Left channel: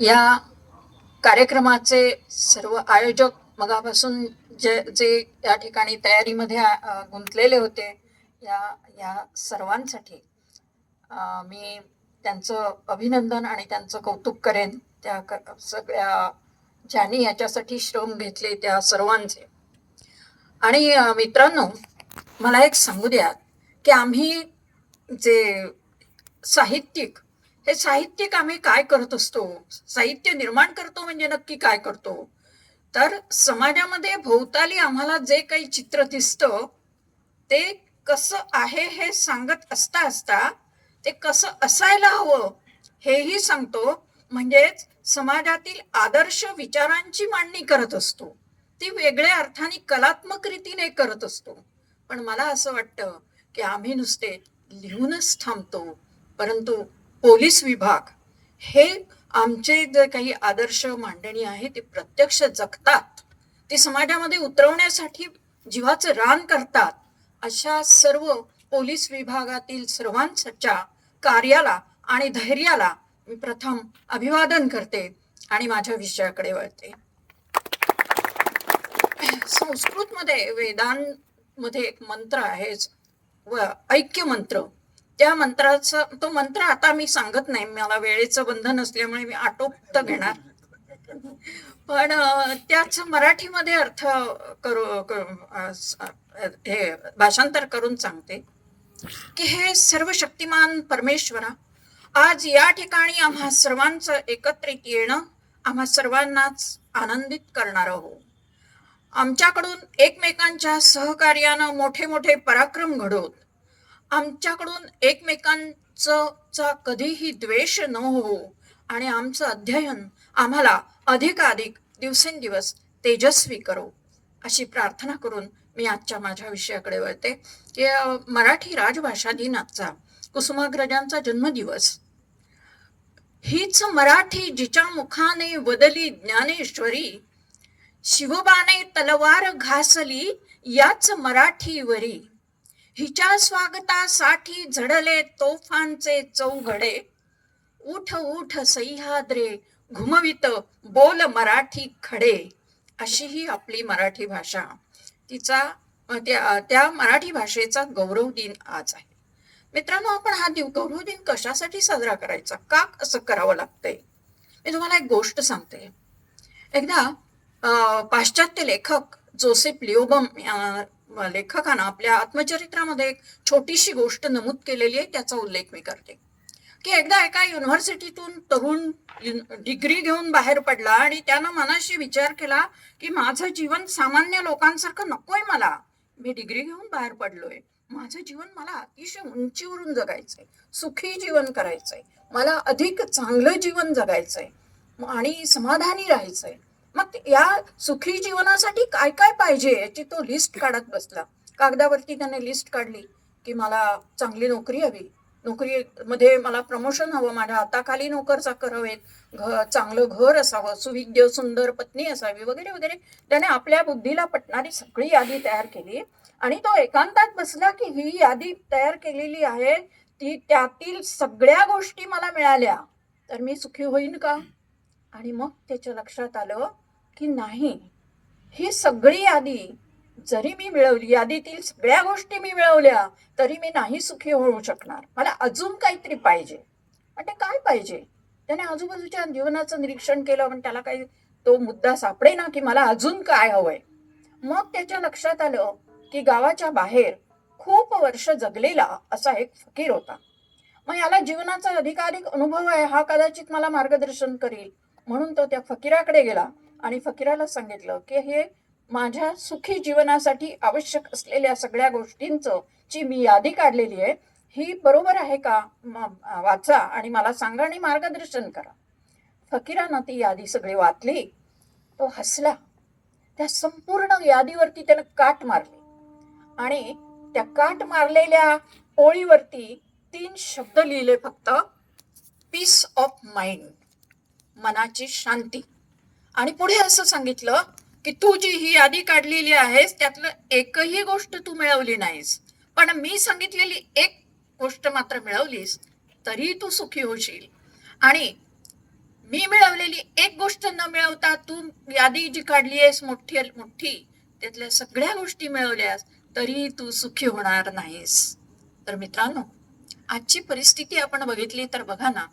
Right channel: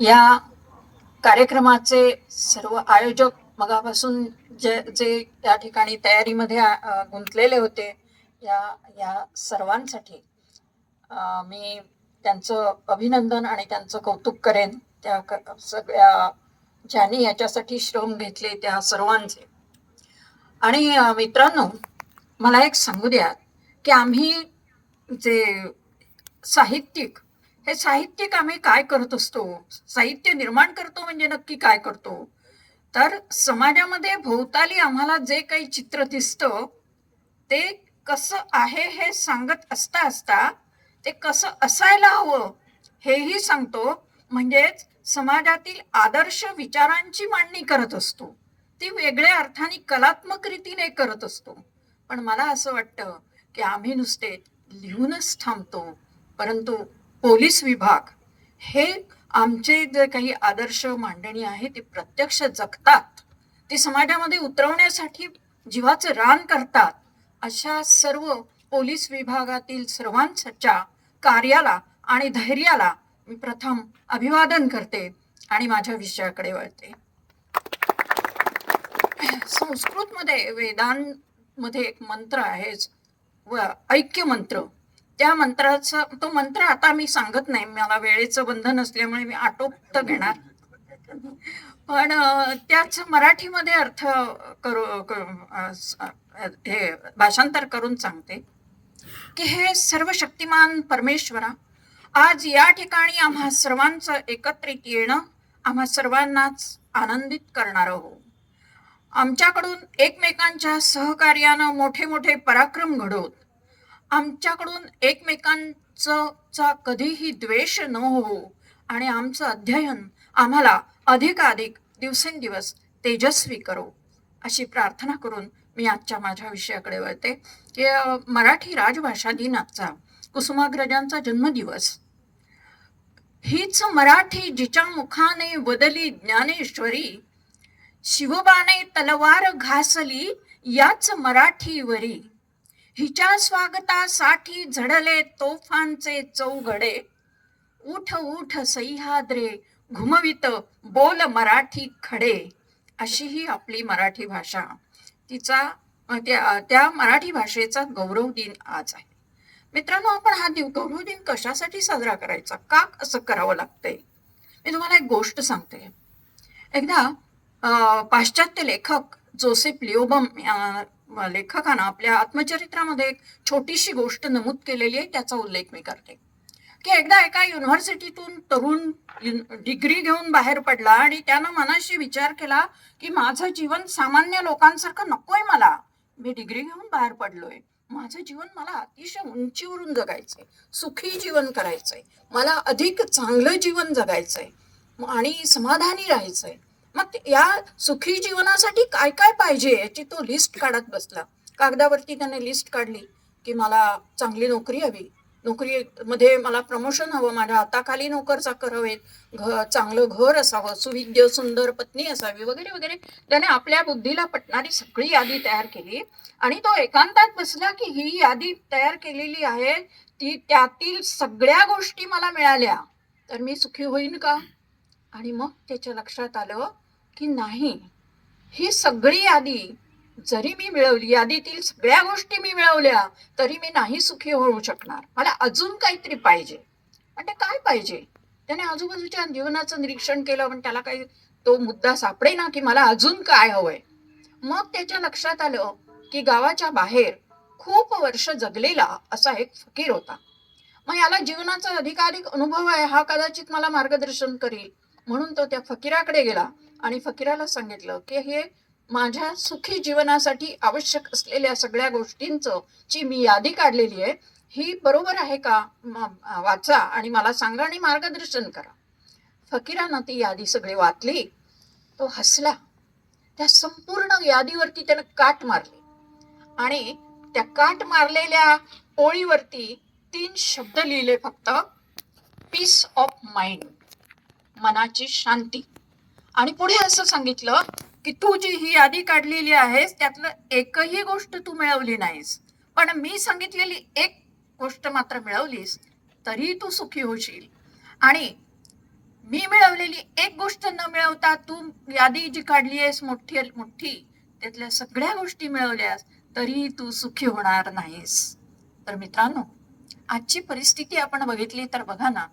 या कार्यक्रमाचे सर्व आयोजक मगापासून जे जे या ठिकाणी तयारीमध्ये गुंतलेले होते, या या सर्वांसाठी मी त्यांचं अभिनंदन आणि त्यांचं कौतुक करेन. त्या सगळ्या ज्यांनी याच्यासाठी श्रम घेतले त्या सर्वांचे. आणि मित्रांनो, मला एक सांगू द्या की आम्ही जे साहित्यिक, हे साहित्यिक आम्ही काय करत असतो, साहित्य निर्माण करतो म्हणजे नक्की काय करतो, तर समाजामध्ये भोवताली आम्हाला जे काही चित्र दिसतं ते कसं आहे हे सांगत असता असता ते कसं असायला हवं हेही सांगतो. म्हणजेच समाजातील आदर्श विचारांची मांडणी करत असतो. ती वेगळ्या अर्थाने कलात्मक रीतीने करत असतो. पण मला असं वाटतं की आम्ही नुसते लिहूनच थांबतो, परंतु पोलीस विभाग हे आमचे जे काही आदर्श मांडणी आहे ते प्रत्यक्ष जगतात, ते समाजामध्ये उतरवण्यासाठी जीवाचं रान करतात. अशा सर्व पोलीस विभागातील सर्वांच्या कार्याला आणि धैर्याला मी प्रथम अभिवादन करते आणि माझ्या विषयाकडे वळते. संस्कृतमध्ये वेदांमध्ये एक मंत्र आहे, ऐक्य मंत्र. त्या मंत्राचा तो मंत्र आता मी सांगत नाही, मला वेळेचं बंधन असल्यामुळे मी आटोपत घेणार. पण त्याच मराठीमध्ये अर्थ हे भाषांतर करून सांगते की हे सर्व शक्तिमान परमेश्वरा, आज या ठिकाणी आम्हा सर्वांचं एकत्रित येणं आम्हा सर्वांनाच आनंदित करणार हो. आमच्याकडून एकमेकांच्या सहकार्यानं मोठे मोठे पराक्रम घडवत, आमच्याकडून एकमेकांचा कधीही द्वेष न हो आणि आमचं अध्ययन आम्हाला अधिकाधिक दिवसेंदिवस तेजस्वी करो, अशी प्रार्थना करून मी आजच्या माझ्या विषयाकडे वळते की मराठी राजभाषा दिनाचा कुसुमाग्रजांचा जन्मदिवस. हीच मराठी जिच्या मुखाने वदली ज्ञानेश्वरी, शिवबाने तलवार घासली याच मराठीवरी, हिच्या स्वागतासाठी झडले तोफांचे चौघडे, उठ उठ सह्याद्रे घुमवित बोल मराठी खडे, अशी ही आपली मराठी भाषा. तिचा त्या मराठी भाषेचा गौरव दिन आज आहे. मित्रांनो, आपण हा गौरव दिन कशासाठी साजरा करायचा, का असं करावं लागतंय, मी तुम्हाला एक गोष्ट सांगते. एकदा पाश्चात्य लेखक जोसेफ लिओबम लेखकानं आपल्या आत्मचरित्रामध्ये एक छोटीशी गोष्ट नमूद केलेली आहे, त्याचा उल्लेख मी करते. की एकदा एका युनिव्हर्सिटीतून तरुण डिग्री घेऊन बाहेर पडला आणि त्यानं मनाशी विचार केला की माझं जीवन सामान्य लोकांसारखं नकोय, मला मी डिग्री घेऊन बाहेर पडलोय, माझं जीवन मला अतिशय उंचीवरून जगायचंय, सुखी जीवन करायचंय, मला अधिक चांगलं जीवन जगायचंय आणि समाधानी राहायचंय. मग या सुखी जीवनासाठी काय काय पाहिजे याची तो लिस्ट काढत बसला. कागदावरती त्याने लिस्ट काढली की मला चांगली नोकरी हवी, नोकरीमध्ये मला प्रमोशन हवं, माझ्या हाताखाली नोकर चाकर हवेत, चांगलं घर असावं, सुविद्य सुंदर पत्नी असावी, वगैरे वगैरे. त्याने आपल्या बुद्धीला पटणारी सगळी यादी तयार केली आणि तो एकांतात बसला की ही यादी तयार केलेली आहे, ती त्यातील सगळ्या गोष्टी मला मिळाल्या तर मी सुखी होईन का. आणि मग त्याच्या लक्षात आलं की नाही, ही सगळी यादी जरी मी मिळवली, यादीतील सगळ्या गोष्टी मी मिळवल्या तरी मी नाही सुखी होऊ शकणार, मला अजून काहीतरी पाहिजे. म्हणजे काय पाहिजे, त्याने आजूबाजूच्या जीवनाचं निरीक्षण केलं पण त्याला काही तो मुद्दा सापडे ना की मला अजून काय हवंय. मग त्याच्या लक्षात आलं की गावाच्या बाहेर खूप वर्ष जगलेला असा एक फकीर होता. मग याला जीवनाचा अधिकाधिक अनुभव आहे, हा कदाचित मला मार्गदर्शन करेल. म्हणून तो त्या फकीराकडे गेला आणि फकीराला सांगितलं की हे माझ्या सुखी जीवनासाठी आवश्यक असलेल्या सगळ्या गोष्टींचं ची मी यादी काढलेली आहे, ही बरोबर आहे का, वाचा आणि मला सांगा आणि मार्गदर्शन करा. फकीरानं ती यादी सगळी वाचली, तो हसला. त्या संपूर्ण यादीवरती त्यानं काट मारली आणि त्या काट मारलेल्या ओळीवरती 3 शब्द लिहिले फक्त, पीस ऑफ माइंड, मनाची शांती. आणि पुढे असं सांगितलं की तू जी ही यादी काढलेली आहेस त्यातलं एकही गोष्ट तू मिळवली नाहीस, पण मी सांगितलेली एक गोष्ट मात्र मिळवलीस तरी तू सुखी होशील. आणि मी मिळवलेली एक गोष्ट न मिळवता तू यादी जी काढली आहेस मोठी मोठी त्यातल्या सगळ्या गोष्टी मिळवल्यास तरी तू सुखी होणार नाहीस. तर मित्रांनो, आजची परिस्थिती आपण बघितली तर बघा ना,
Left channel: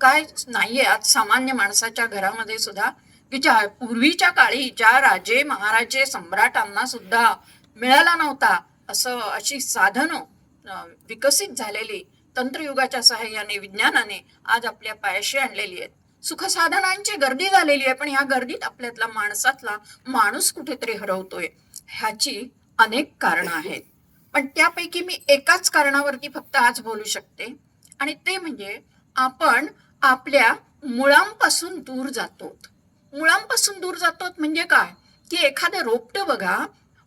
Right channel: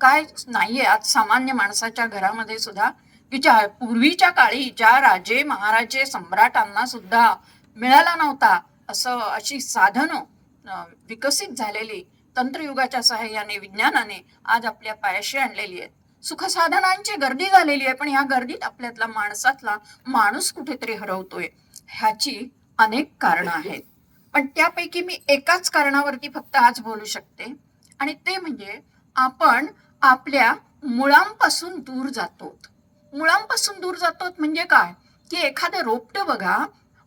काय नाहीये आज सामान्य माणसाच्या घरामध्ये सुद्धा, की ज्या पूर्वीच्या काळी ज्या राजे महाराजे सम्राटांना सुद्धा मिळाला नव्हता असं अशी साधनं विकसित झालेली तंत्रयुगाच्या सहाय्याने विज्ञानाने आज आपल्या पायाशी आणलेली आहेत. सुखसाधनांची गर्दी झालेली आहे, पण ह्या गर्दीत आपल्यातला माणसातला माणूस कुठेतरी हरवतोय. ह्याची अनेक कारणं आहेत, पण त्यापैकी मी एकाच कारणावरती फक्त आज बोलू शकते, आणि ते म्हणजे आपण आपल्या मुळांपासून दूर जातो. मुळांपासून दूर जातो म्हणजे काय, की एखादं रोपटं बघा,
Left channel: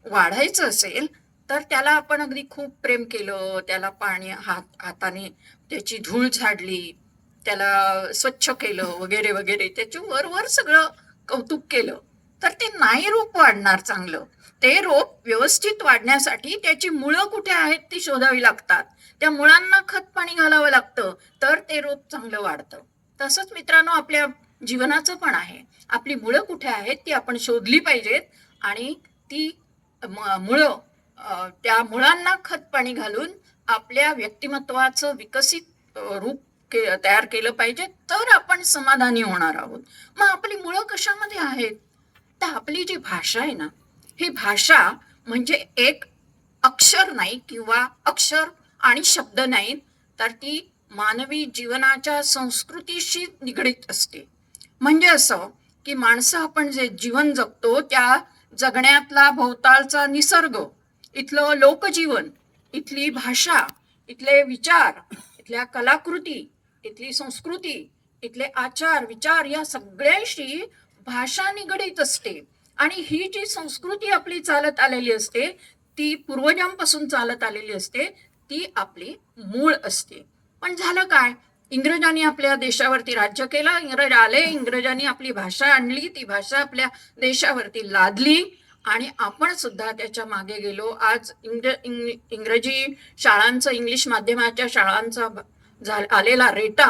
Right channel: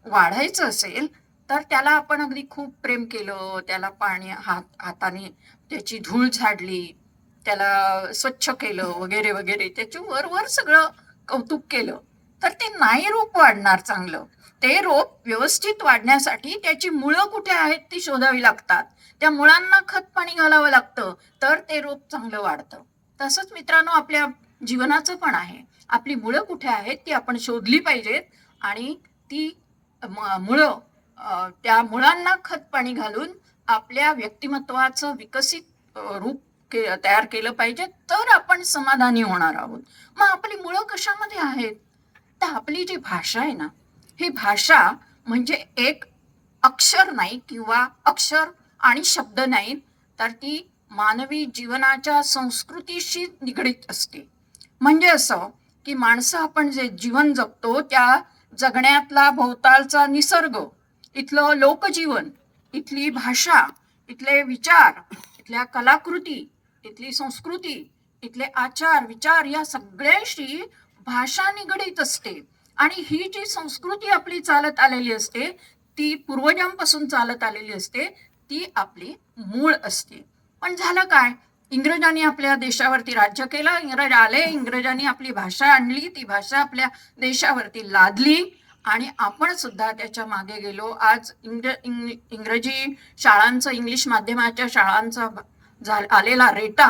वाढायचं असेल तर त्याला आपण अगदी खूप प्रेम केलं, त्याला पाणी हाताने त्याची धूळ झाडली, त्याला स्वच्छ केलं वगैरे वगैरे, त्याची वर सगळं कौतुक केलं, तर ते नाही रोप वाढणार चांगलं. ते रोप व्यवस्थित वाढण्यासाठी त्याची मुळं कुठे आहेत ती शोधावी लागतात. त्या मुळांना खत पाणी घालावं लागतं, तर ते रोप चांगलं वाढतं. तसंच मित्रांनो, आपल्या जीवनाचं पण आहे. आपली मुळं कुठे आहेत ती आपण शोधली पाहिजेत, आणि ती मुळं त्या मुळांना खत पाणी घालून आपल्या व्यक्तिमत्वाचं विकसित रूप तयार केलं पाहिजे, तर आपण समाधानी होणार आहोत. मग आपली मुळं कशामध्ये आहेत? तर आपली जी भाषा आहे ना, ही भाषा म्हणजे एक अक्षर नाही किंवा अक्षर आणि शब्द नाहीत, तर ती मानवी जीवनाच्या संस्कृतीशी निगडीत असते. म्हणजे असं की माणसं आपण जे जीवन जगतो त्या जगण्यातला भोवतालचा निसर्ग, इथलं लोकजीवन, इथली भाषा, इथले विचार, इथल्या कलाकृती, इथली संस्कृती, इथले आचार विचार या सगळ्याशी भाषा निगडीत असते. आणि ही जी संस्कृती आपली चालत आलेली असते, ती पूर्वजांपासून चालत आलेली असते, ती आपली मूळ असते. पण झालं काय, इंग्रजांनी आपल्या देशावरती राज्य केलं, इंग्रज आले, इंग्रजांनी आपली भाषा आणली, ती भाषा आपल्या देशावरती लादली, आणि आपण सुद्धा त्याच्या मागे गेलो. आज इंग्रजी शाळांचं, इंग्लिश माध्यमाच्या शाळांचा आलेला रेटा,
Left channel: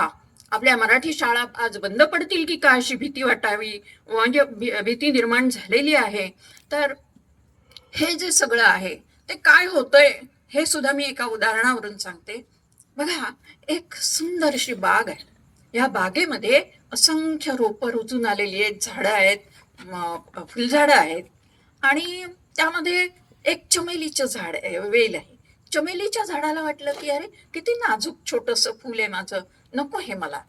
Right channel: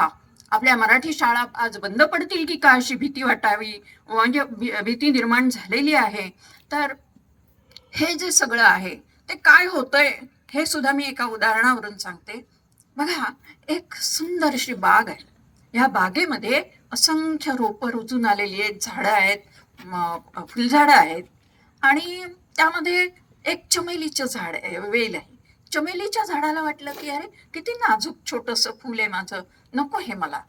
आपल्या मराठी शाळा आज बंद पडतील की काय अशी भीती वाटावी, म्हणजे भीती निर्माण झालेली आहे. तर हे जे सगळं आहे ते काय होतंय हे सुद्धा मी एका उदाहरणावरून सांगते. बघा, एक सुंदर अशी बाग आहे. या बागेमध्ये असंख्य रोपं रुजून आलेली आहेत, झाडं आहेत, फुलझाडं आहेत, आणि त्यामध्ये एक चमेलीचं झाड आहे, वेल आहे. चमेलीच्या झाडाला वाटलं की अरे किती नाजूक छोटस फुल आहे माझं, नको हे मला,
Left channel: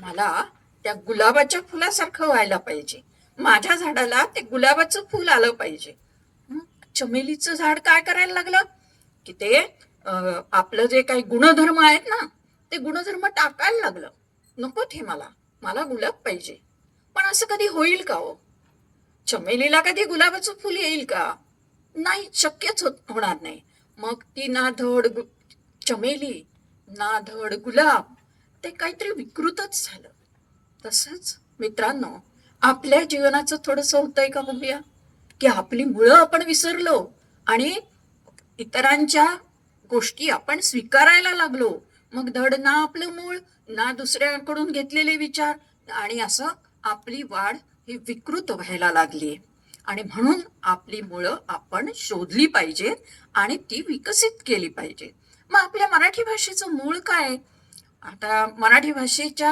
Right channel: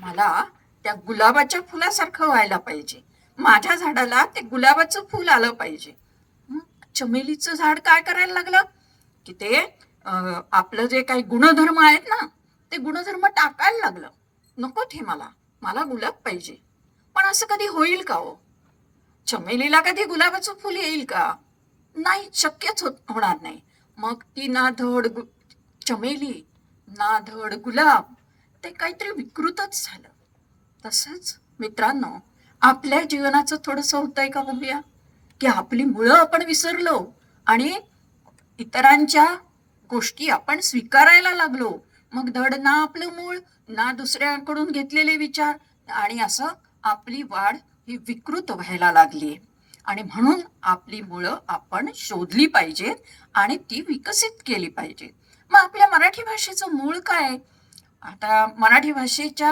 मला त्या गुलाबाच्या फुलासारखं व्हायला पाहिजे, माझ्या झाडाला ते गुलाबाचं फुल आलं पाहिजे. चमेलीचं झाड काय करायला लागलं की ते आपलं जे काही गुणधर्म आहेत ना, ते गुणधर्म टाकायला लागलं. नको ते मला, मला गुलाब पाहिजे. पण असं कधी होईल का हो? चमेलीला कधी गुलाबाचं फुल येईल का? नाही, शक्यच होणार नाही. मग ती ना धड चमेली ना धड गुलाब, ते काहीतरी विकृतच झालं. तसंच मित्रांनो, आपल्या जीवनाचं थोडंसं होतंय का बघूया, की आपली मुळं आपण विसरलो आणि इतरांच्या गोष्टी आपण स्वीकारायला लागलो. मग धड ना आपलं मूळ, ना दुसऱ्याकडून घेतलेले विचार, आणि असं आपली वाढ ही विकृत व्हायला लागली. आणि म्हणून आपली मुळं आपण शोधली पाहिजेत आणि ती विकसित केली पाहिजेत. मग आपल्या मराठी भाषेचं मूळ काय? आता मराठी भाषेच्या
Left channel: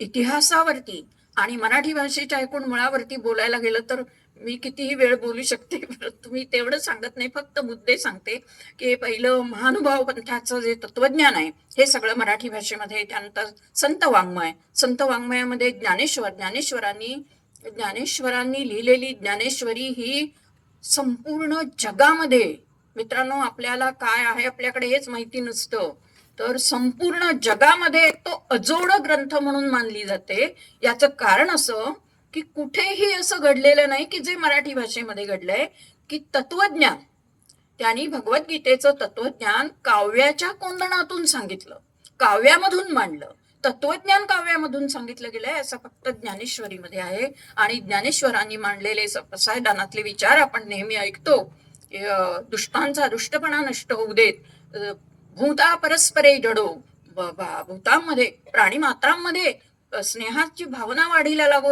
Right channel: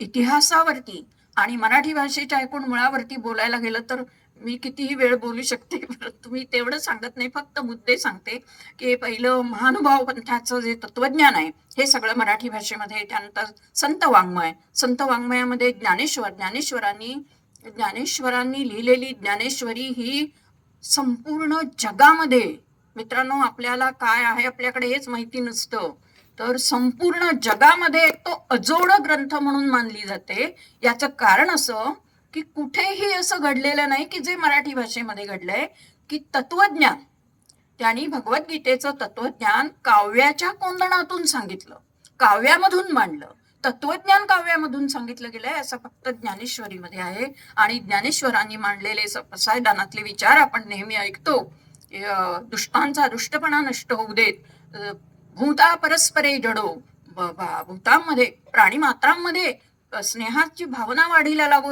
इतिहासावरती आणि मराठी भाषेच्या एकूण मुळावरती बोलायला गेलं तर मी कितीही वेळ बोलू शकते, परंतु मी तेवढं सांगत नाही, फक्त मुद्दे सांगते. की पहिलं महानुभाव पंथाचं जे तत्वज्ञान आहे हे सगळं मराठी भाषेमध्ये. त्यानंतर संत वाङ्मयामध्ये ज्ञानेश्वरांनी लिहिलेली ज्ञानेश्वरी ही संपूर्ण जगामध्ये, मित्रांनो आपल्याला काय आहे आपल्याकडे हेच माहिती नसतं, तर संपूर्ण जगामध्ये तो अजोड ग्रंथ म्हणून मानली जाते. याचं कारण असं की कुठेही असं घडलेलं नाही की जे मराठी भाषेमध्ये घडलंय, की तत्वज्ञान त्यांनी भगवद्गीतेचं तत्वज्ञान काव्याच्या कोंदणातून सांगितलं, काव्यामधून मांडलं. तत्वज्ञान काव्यामधून सांगितलं गेलंय असं फक्त ज्ञानेश्वरीमध्ये आहे. आणि ज्ञानेश्वरांनी मांडलेले सपसायदानातले विचार आपण नेहमी ऐकतो. दुष्टांचा दुष्टपणा नष्ट होऊ देत, भूता परस्परे जडो, भूतांमध्ये प्राणी मात्रांमध्ये स्नेहाची भावना वाढीला लागू